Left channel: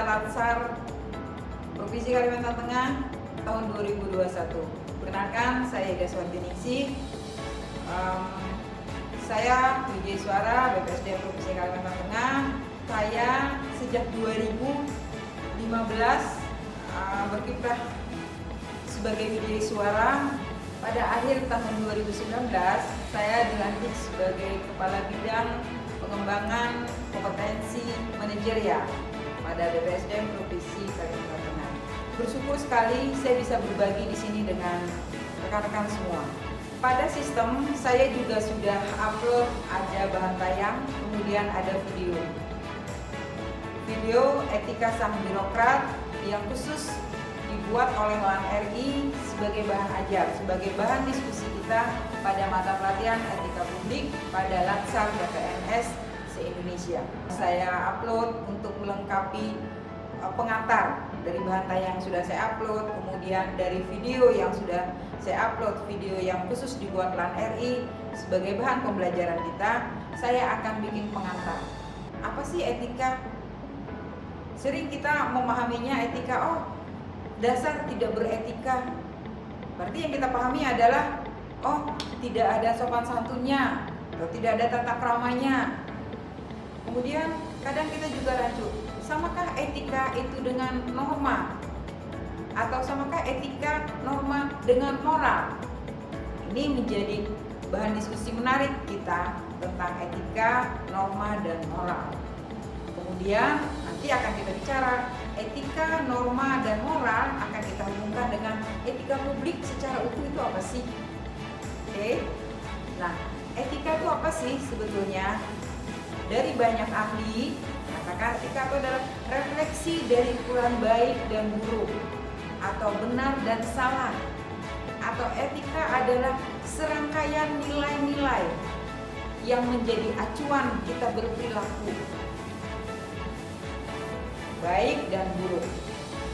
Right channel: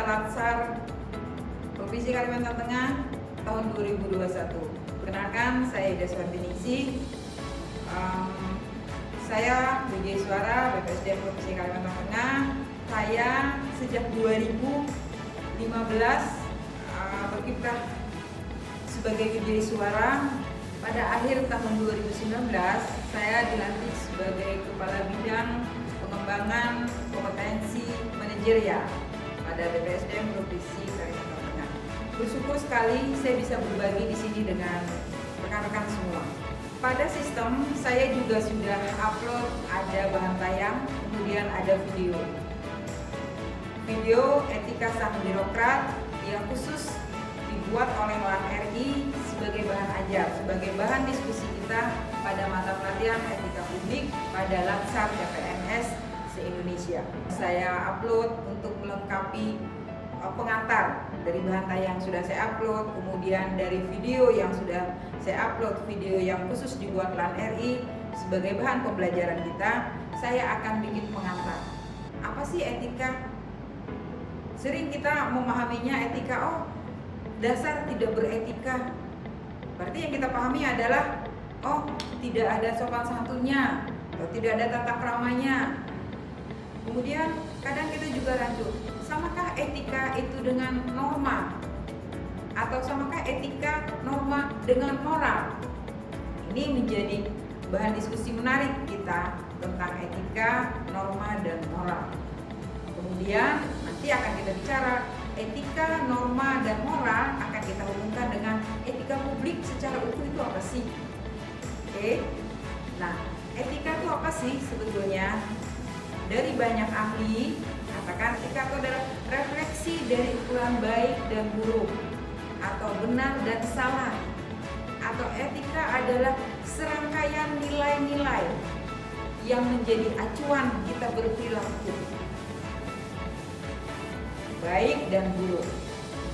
Anggota Latsar Provinsi Kalimantan Tengah tahun 2021. Perkenalkan, saya Ida Suhartiningsih. Saya VJ Suara BPSDM Provinsi Kalimantan Tengah. Saya sejak 2015 berkiprah sebagai VJ Suara. Pada akhir tahun 2019, saya dilantik sebagai Kepala Bidang Pengembangan Kompetensi Manajerial pada BPSDM Provinsi Kalimantan Tengah. Bersyukur sekali saya bisa berbagi di sini dengan rekan-rekan semua. Pada sistem saya juga sudah upload, ada bahan tayang, kemudian ada video etika sang birokrat yang khusus dibuat oleh LAN RI sebagai bahan ajar, sebagai bahan diskusi kita pada mata pelatihan etika publik pada Latsar PPNS se-Indonesia. Saya upload untuk melengkapi pengantar dari bahan tayang yang sudah saya upload, kemudian dari video yang sudah saya upload, video yang khusus dibuat LAN RI sebagai bahan pembelajaran kita. Saya akan bikin pengantar. Apa sih etika? Sering kita memahaminya etika, dasar tidak beretika. Berarti yang kita pahami adalah tidak ada sopan santunnya, atau tidak ada tata kramanya. Kemudian kadang kita juga rancu, samakah etika itu dengan norma? Atau samakah etika norma dengan moral? Ini menjadi bahan diskusi menarik kita tentang etika, norma, dan moral. Kemudian nanti akan kita bicara etika, norma, dan moral akan kita hubungkan dengan etika publik secara utuh itu apa sih? Oke. Nah, etika itu apa sih sebetulnya? Dari banyak ahli katakan etika itu adalah refleksi dari ukuran baik dan buruk, atau benar dan salah, atau etika adalah serangkaian nilai-nilai yang menjadi acuan kita berperilaku baik dan buruk.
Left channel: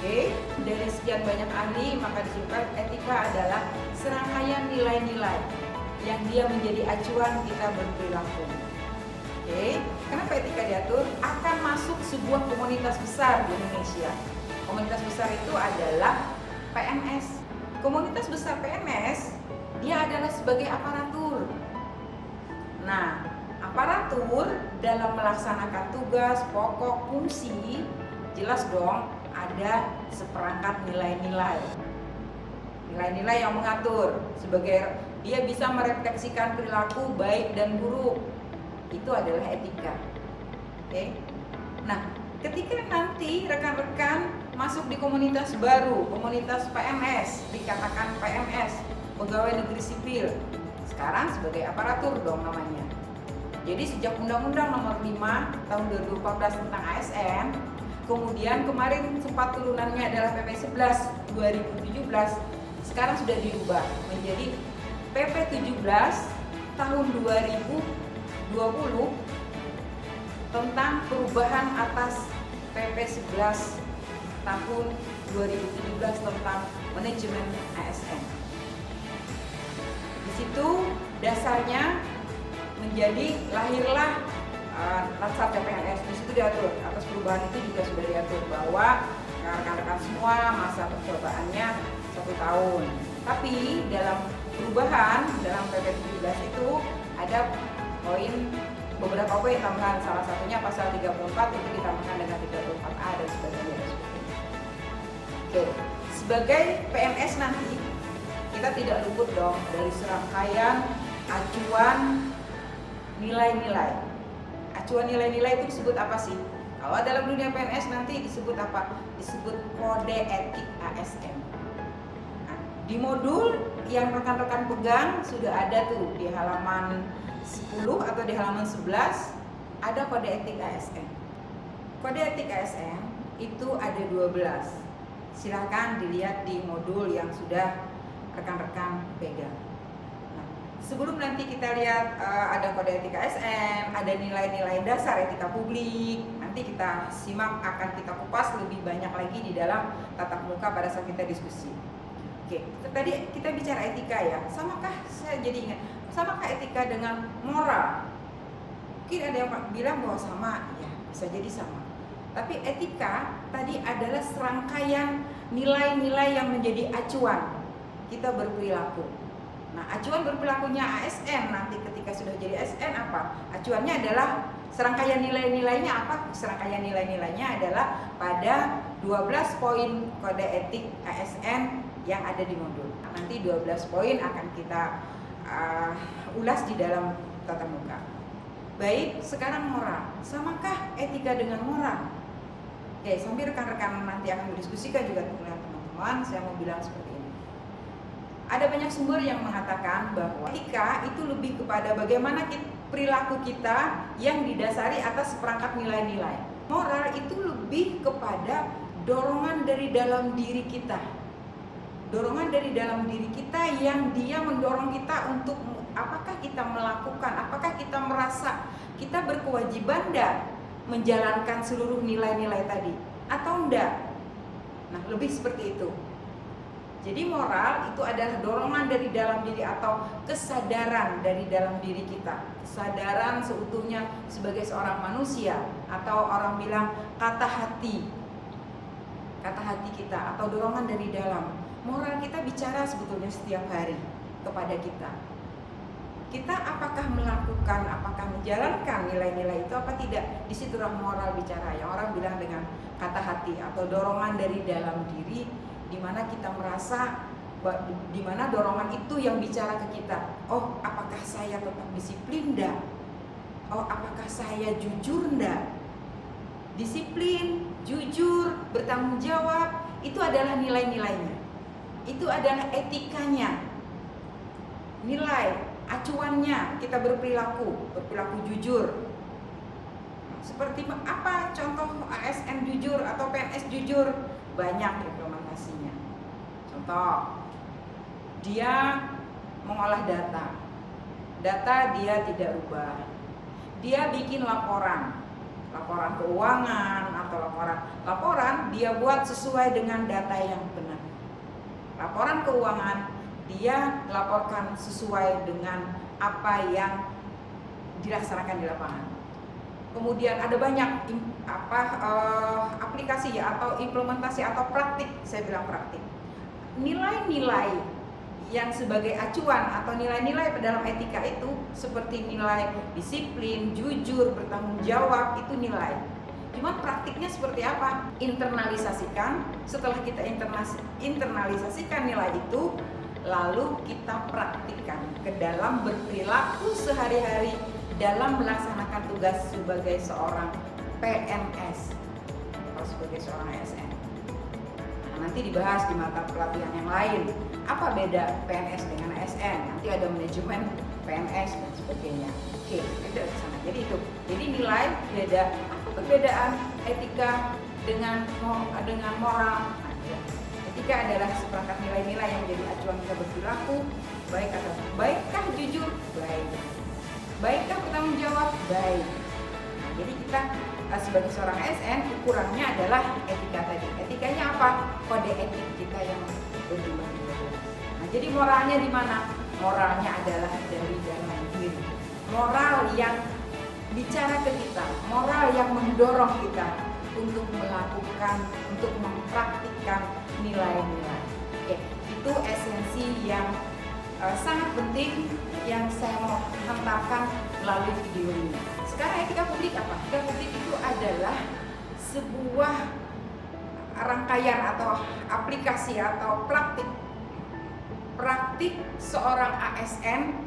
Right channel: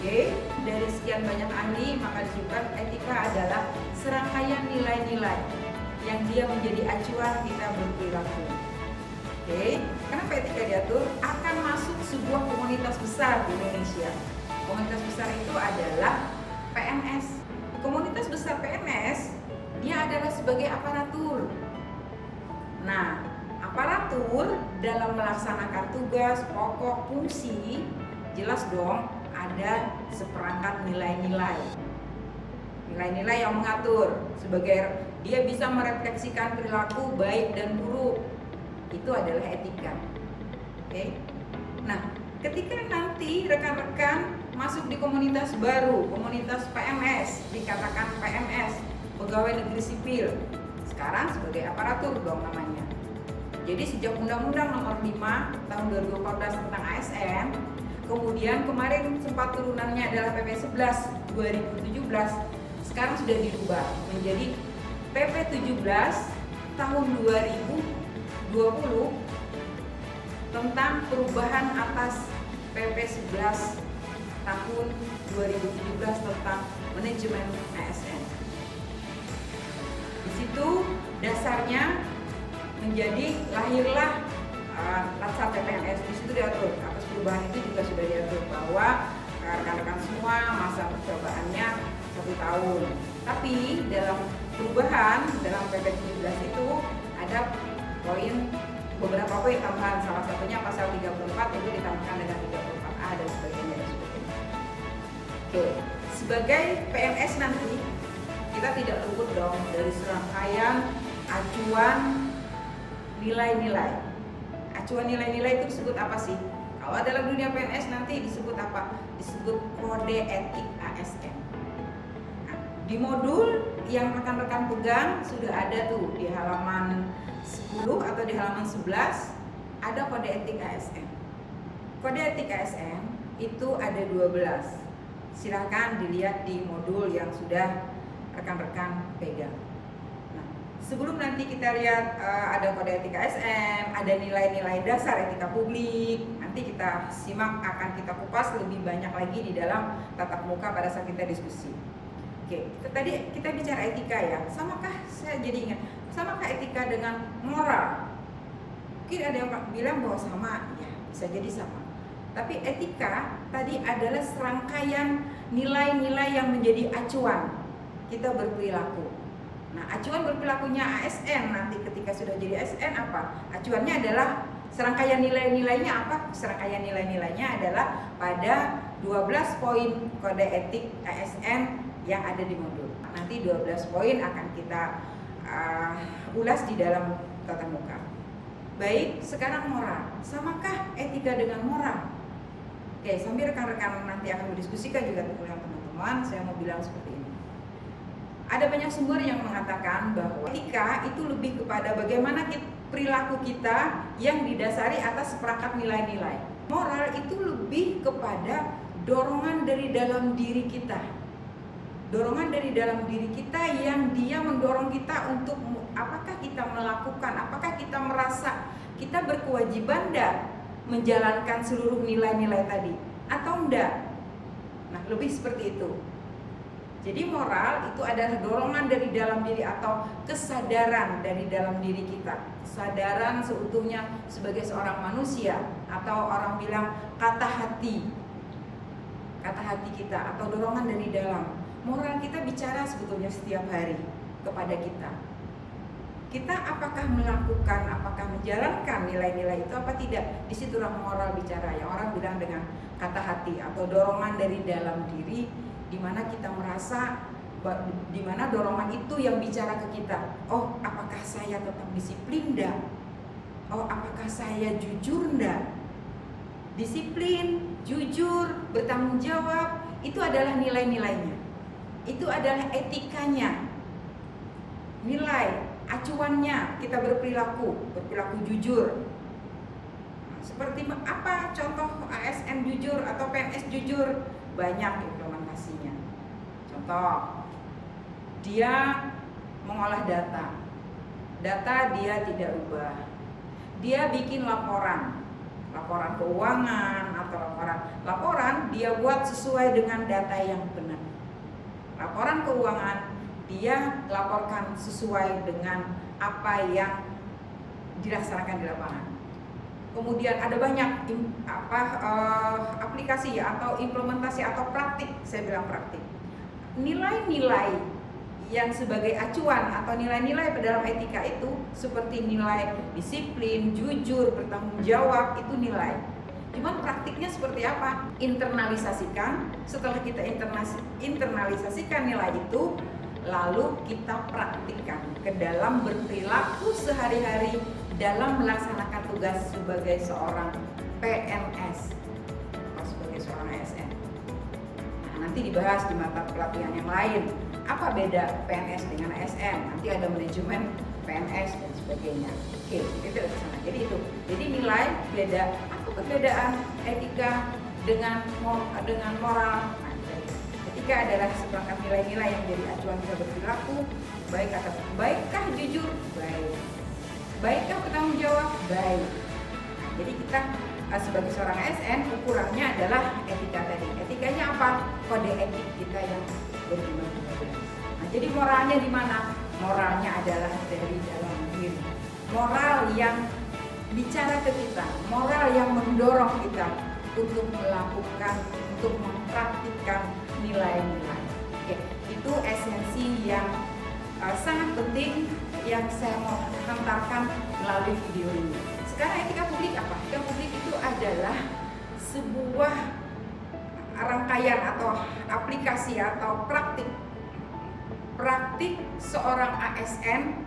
Oke, dari sekian banyak ahli maka disebutkan etika adalah serangkaian nilai-nilai yang dia menjadi acuan kita berperilaku. Oke, kenapa etika diatur? Akan masuk sebuah komunitas besar di Indonesia. Komunitas besar itu adalah PNS. Komunitas besar PNS dia adalah sebagai aparatur. Nah, aparatur dalam melaksanakan tugas, pokok, fungsi, jelas dong ada seperangkat nilai-nilai. Nilai-nilai yang mengatur sebagai dia bisa merefleksikan perilaku baik dan buruk. Itu adalah etika. Oke. Nah, ketika nanti rekan-rekan masuk di komunitas baru, komunitas PNS, dikatakan PNS, pegawai negeri sipil. Sekarang sebagai aparatur dong namanya. Jadi sejak Undang-Undang Nomor 5 tahun 2014 tentang ASN, kemudian kemarin sempat turunannya adalah PP 11 2017, sekarang sudah diubah menjadi PP 17 tahun 2020 tentang perubahan atas PP 11 tahun 2017 tentang manajemen ASN. Di situ dasarnya menjadi lahirlah Latsar PPNS. Di situ diatur atas perubahan itu juga sudah diatur bahwa rekan-rekan semua masa percobaannya 1 tahun. Tapi dalam perubahan dalam PP 17 itu ada beberapa poin tambahan, salah satunya pasal 34 itu ditambahkan dengan 34A dan sebagainya. Oke, sebagai PNS nanti kita tidak luput dong dari serangkaian acuan nilai-nilai. Acuan nilai-nilai itu disebut apa sih? Kalau dalam dunia PNS nanti disebut apa? Disebut kode etik ASN. Nah, di modul yang rekan-rekan pegang sudah ada tuh di halaman 10 atau di halaman 11 ada kode etik ASN. Kode etik ASN itu ada 12. Silahkan dilihat di modul yang sudah rekan-rekan pegang. Nah, sebelum nanti kita lihat ada kode etik ASN, ada nilai-nilai dasar etika publik, nanti kita simak, akan kita kupas lebih banyak lagi di dalam tatap muka pada saat kita diskusi. Oke, tadi kita bicara etika ya, samakah, saya jadi ingat, samakah etika dengan moral? Mungkin ada yang bilang bahwa sama, ya bisa jadi sama. Tapi etika tadi adalah serangkaian nilai-nilai yang menjadi acuan kita berperilaku. Nah, acuan berperilakunya ASN nanti ketika sudah jadi ASN apa? Acuannya adalah serangkaian nilai-nilainya apa? Serangkaian nilai-nilainya adalah pada 12 poin kode etik ASN yang ada di modul. Nanti 12 poin akan kita ulas di dalam tatap muka. Baik, sekarang moral. Samakah etika dengan moral? Oke, sambil rekan-rekan nanti akan berdiskusikan juga dengan teman-teman, saya mau bilang seperti ini. Ada banyak sumber yang mengatakan bahwa etika itu lebih kepada bagaimana perilaku kita yang didasari atas seperangkat nilai-nilai. Moral itu lebih kepada dorongan dari dalam diri kita. Dorongan dari dalam diri kita yang dia mendorong kita untuk apakah kita melakukan, apakah kita merasa kita berkewajiban enggak menjalankan seluruh nilai-nilai tadi atau enggak. Nah, lebih seperti itu. Jadi moral itu adalah dorongan dari dalam diri atau kesadaran dari dalam diri kita. Kesadaran seutuhnya sebagai seorang manusia, atau orang bilang kata hati kita atau dorongan dari dalam. Moral kita bicara sebetulnya setiap hari kepada kita. Kita apakah melakukan, apakah menjalankan nilai-nilai itu apa tidak? Di situlah moral bicara. Yang orang bilang dengan kata hati atau dorongan dari dalam diri, di mana kita merasa, di mana dorongan itu yang bicara ke kita. Oh, apakah saya tetap disiplin enggak? Oh, apakah saya jujur enggak? Disiplin, jujur, bertanggung jawab, itu adalah nilai-nilainya. Itu adalah etikanya. Nilai, acuannya kita berperilaku jujur. Seperti apa contoh ASN jujur atau PNS jujur? Banyak implementasinya. Contoh, dia mengolah data dia tidak ubah. Dia bikin laporan keuangan atau laporan dia buat sesuai dengan data yang benar. Laporan keuangan dia laporkan sesuai dengan apa yang dilaksanakan di lapangan. Kemudian ada banyak aplikasi ya, atau implementasi atau praktik, saya bilang praktik. Nilai-nilai yang sebagai acuan atau nilai-nilai dalam etika itu seperti nilai disiplin, jujur, bertanggung jawab, itu nilai. Cuman praktiknya seperti apa? Internalisasikan. Setelah kita internalisasikan nilai itu, lalu kita praktikkan ke dalam berperilaku sehari-hari dalam melaksanakan tugas sebagai seorang PNS atau sebagai seorang ASN. Nah, nanti dibahas di mata pelatihan yang lain. Apa beda PNS dengan ASN? Nanti ada manajemen PNS dan sebagainya. Oke, itu ke sana. Jadi itu. Jadi nilai beda. Apa perbedaan etika dengan moral? Nah, etika adalah seperangkat nilai-nilai yang menjadi acuan kita berperilaku, baik atau baikkah jujur? Baik. Baikkah bertanggung jawab? Baik. Nah, jadi kita sebagai seorang ASN ukurannya adalah etika tadi. Etikanya apa? Kode etik kita yang berjumlah 12. Nah, jadi moralnya di mana? Moralnya adalah dari dalam diri. Moral yang bicara ke kita, moral yang mendorong kita untuk melakukan, untuk mempraktikkan nilai-nilai. Oke, itu esensi yang sangat penting yang saya mau hantarkan melalui video ini. Sekarang etika publik apa? Etika publik itu adalah sebuah rangkaian atau aplikasi atau praktik seorang ASN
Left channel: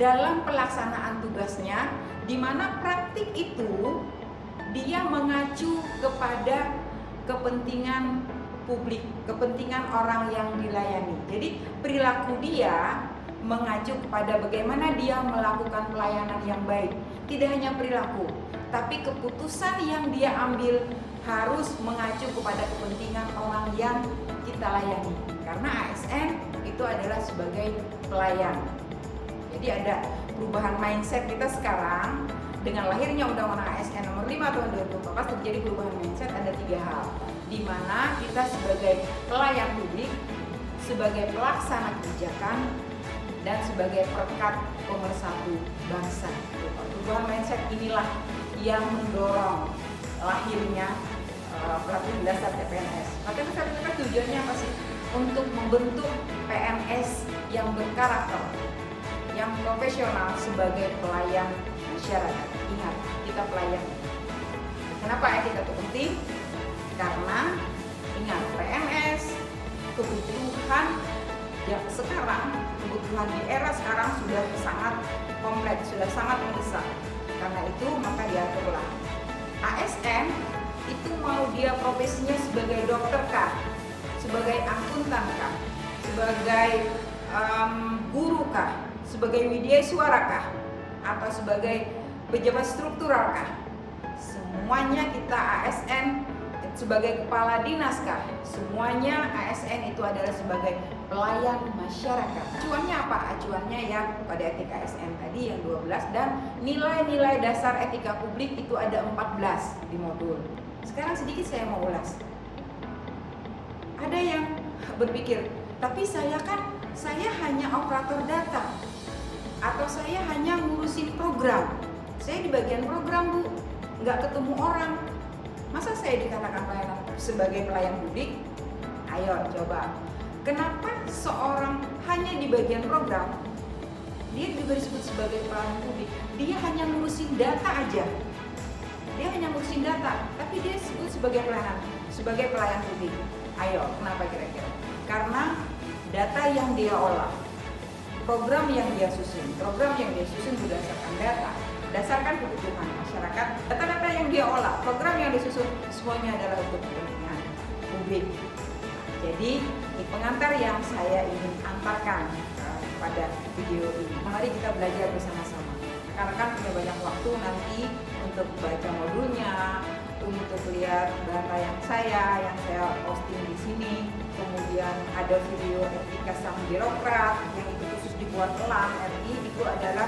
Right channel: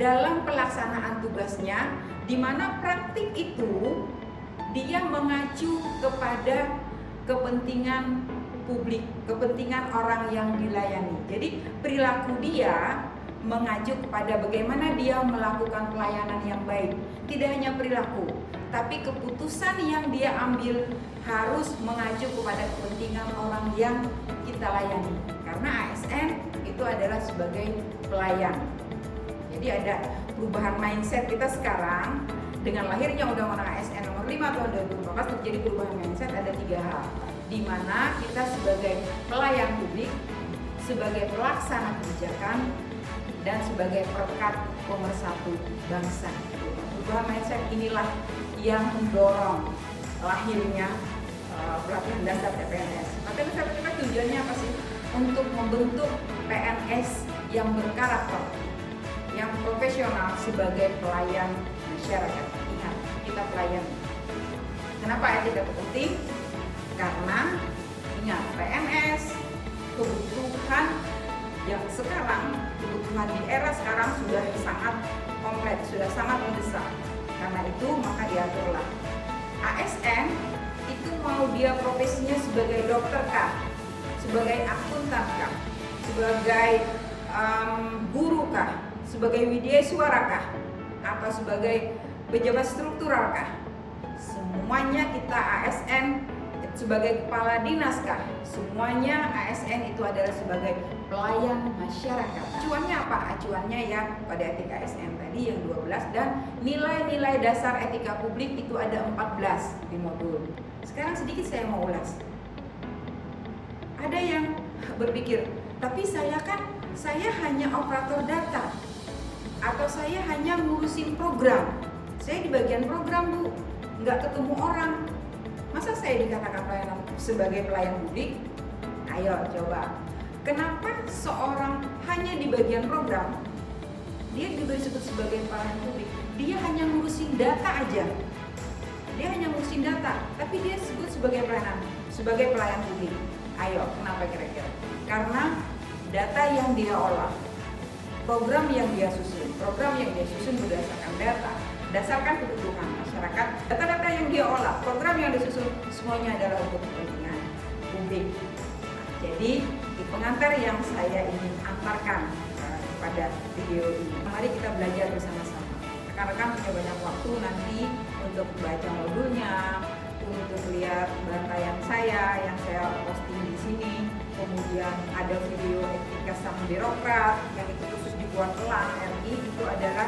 dalam pelaksanaan tugasnya, di mana praktik itu dia mengacu kepada kepentingan publik, kepentingan orang yang dilayani. Jadi perilaku dia mengacu kepada bagaimana dia melakukan pelayanan yang baik. Tidak hanya perilaku, tapi keputusan yang dia ambil harus mengacu kepada kepentingan orang yang kita layani. Karena ASN itu adalah sebagai pelayan. Jadi ada perubahan mindset kita sekarang dengan lahirnya Undang-Undang ASN nomor 5 tahun 2014 terjadi perubahan mindset. Ada 3 hal, di mana kita sebagai pelayan publik, sebagai pelaksana kebijakan, dan sebagai perekat pemersatu bangsa. Perubahan mindset inilah yang mendorong lahirnya pelatihan dasar CPNS. Pelatihan dasar CPNS tujuannya apa sih? Untuk membentuk PNS yang berkarakter, yang profesional sebagai pelayan masyarakat. Ingat, kita pelayan. Kenapa etika itu penting? Karena ingat, PNS kebutuhan yang sekarang, kebutuhan di era sekarang sudah sangat kompleks, sudah sangat mendesak. Karena itu maka diaturlah ASN itu mau dia profesinya sebagai dokter kah, sebagai akuntan kah, sebagai guru kah, sebagai widyaswara kah, atau sebagai pejabat struktural kah, semuanya kita ASN sebagai kepala dinas kah, semuanya ASN itu adalah sebagai pelayan masyarakat. Acuannya apa? Acuannya ya pada etika ASN tadi yang 12 dan nilai-nilai dasar etika publik itu ada 14 di modul. Sekarang sedikit saya mau ulas. Ada yang berpikir, tapi saya hanya operator data atau saya hanya ngurusin program. Saya di bagian program, Bu, nggak ketemu orang. Masa saya dikatakan sebagai pelayan publik? Ayo coba. Kenapa seorang hanya di bagian program, dia juga disebut sebagai pelayan publik? Dia hanya ngurusin data aja. Dia hanya ngurusin data, tapi dia disebut sebagai pelayan publik. Ayo, kenapa kira-kira? Karena data yang dia olah, program yang dia susun berdasarkan data, berdasarkan kebutuhan masyarakat, data-data yang dia olah, program yang disusun, semuanya adalah untuk kepentingan publik. Jadi, di pengantar yang saya ingin antarkan pada video ini, mari kita belajar bersama-sama. Rekan-rekan punya banyak waktu nanti untuk baca modulnya, untuk lihat bahan yang saya posting di sini, kemudian ada video etika sang birokrat yang itu khusus dibuat LAN RI, itu adalah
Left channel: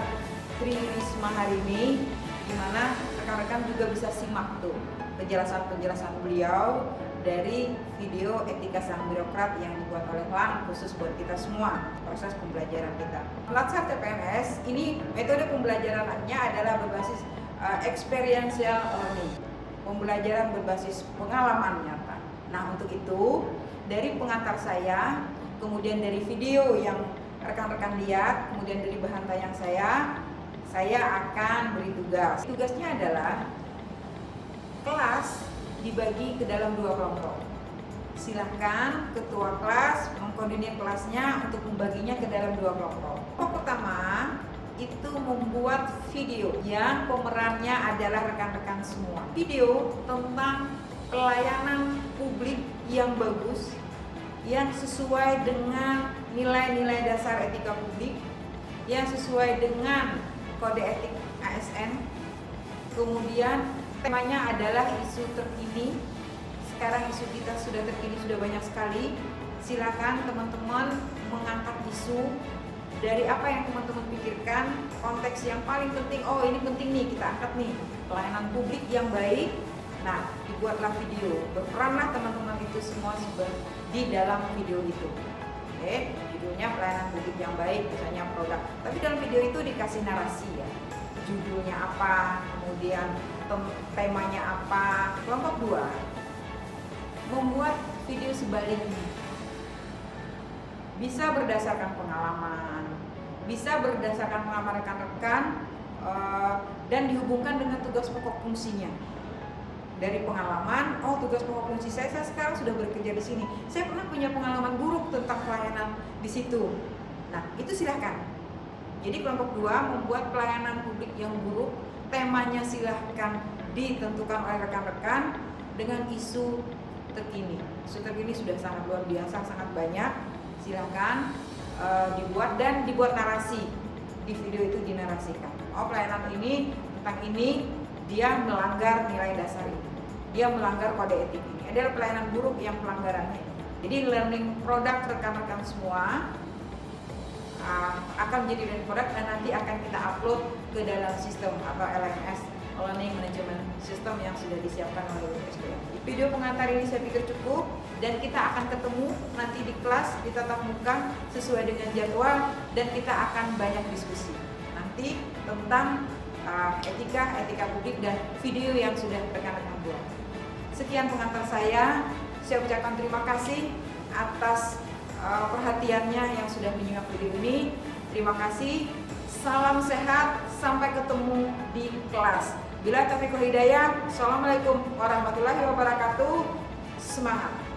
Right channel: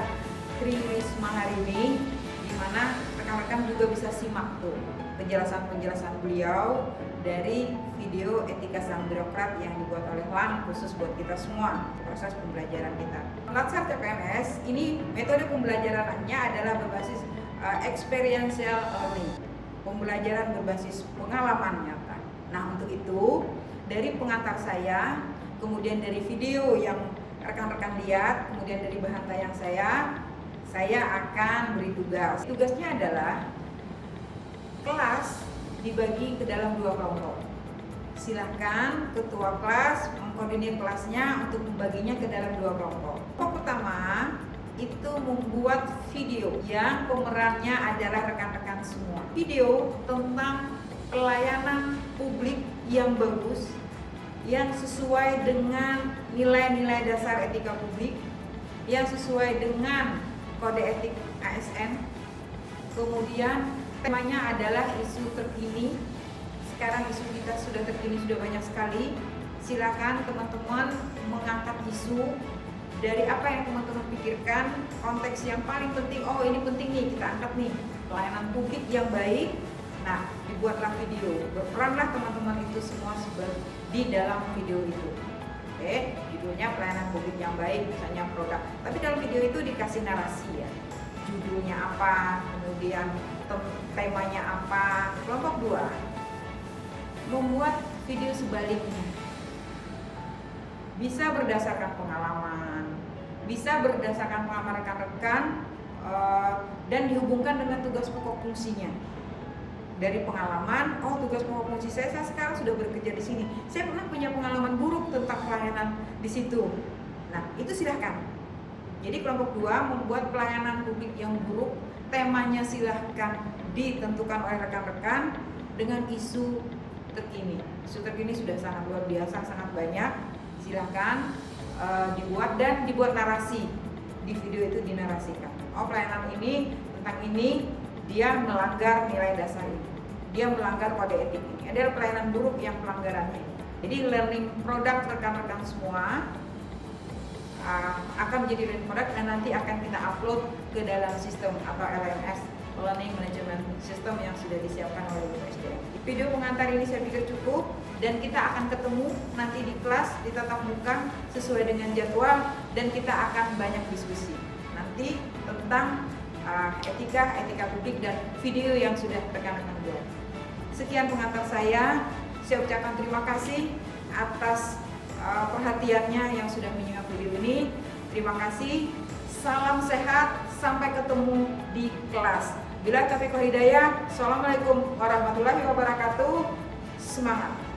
Tri Risma Harini, di mana rekan-rekan juga bisa simak tuh penjelasan beliau dari video etika sang birokrat yang dibuat oleh LAN khusus buat kita semua, proses pembelajaran kita. Latsar CPNS ini metode pembelajarannya adalah berbasis experiential learning, pembelajaran berbasis pengalaman nyata. Nah, untuk itu dari pengantar saya, kemudian dari video yang rekan-rekan lihat, kemudian dari bahan tayang saya akan beri tugas. Tugasnya adalah kelas dibagi ke dalam 2 kelompok. Silahkan ketua kelas mengkoordinir kelasnya untuk membaginya ke dalam 2 kelompok. Kelompok pertama itu membuat video yang pemerannya adalah rekan-rekan semua. Video tentang pelayanan publik yang bagus, yang sesuai dengan nilai-nilai dasar etika publik, yang sesuai dengan kode etik ASN. Kemudian temanya adalah isu terkini. Sekarang isu kita sudah terkini, sudah banyak sekali. Silakan teman-teman mengangkat isu dari apa yang teman-teman pikirkan, konteks yang paling penting. Oh, ini penting nih, kita angkat nih, pelayanan publik yang baik. Nah, dibuatlah video, berperanlah teman-teman itu semua di dalam video itu. Oke, judulnya pelayanan publik yang baik, misalnya produk. Tapi dalam video itu dikasih narasi ya, judulnya apa, kemudian temanya apa. Kelompok 2 membuat video sebaliknya, bisa berdasarkan pengalaman, bisa berdasarkan pengalaman rekan-rekan, dan dihubungkan dengan tugas pokok fungsinya. Dari pengalaman, oh tugas pokok fungsi saya sekarang sudah bekerja di sini. Saya pernah punya pengalaman buruk tentang pelayanan di situ. Nah, itu silahkan. Jadi kelompok 2 membuat pelayanan publik yang buruk, temanya silahkan ditentukan oleh rekan-rekan dengan isu terkini. Isu terkini sudah sangat luar biasa, sangat banyak. Silahkan dibuat dan dibuat narasi. Di video itu dinarasikan. Oh, pelayanan ini tentang ini dia melanggar nilai dasar ini, dia melanggar kode etik ini. Adalah pelayanan buruk yang pelanggarannya. Jadi learning product rekan-rekan semua akan menjadi learning product dan nanti akan kita upload ke dalam sistem atau LMS, Learning Management System, yang sudah disiapkan oleh BPSDM. Video pengantar ini saya pikir cukup dan kita akan ketemu nanti di kelas di tatap muka sesuai dengan jadwal dan kita akan banyak diskusi nanti tentang etika publik dan video yang sudah rekan-rekan buat. Sekian pengantar saya ucapkan terima kasih atas perhatiannya yang sudah menyimak video ini. Terima kasih, salam sehat, sampai ketemu di kelas. Bila taufiq wal hidayah, assalamualaikum warahmatullahi wabarakatuh. Semangat!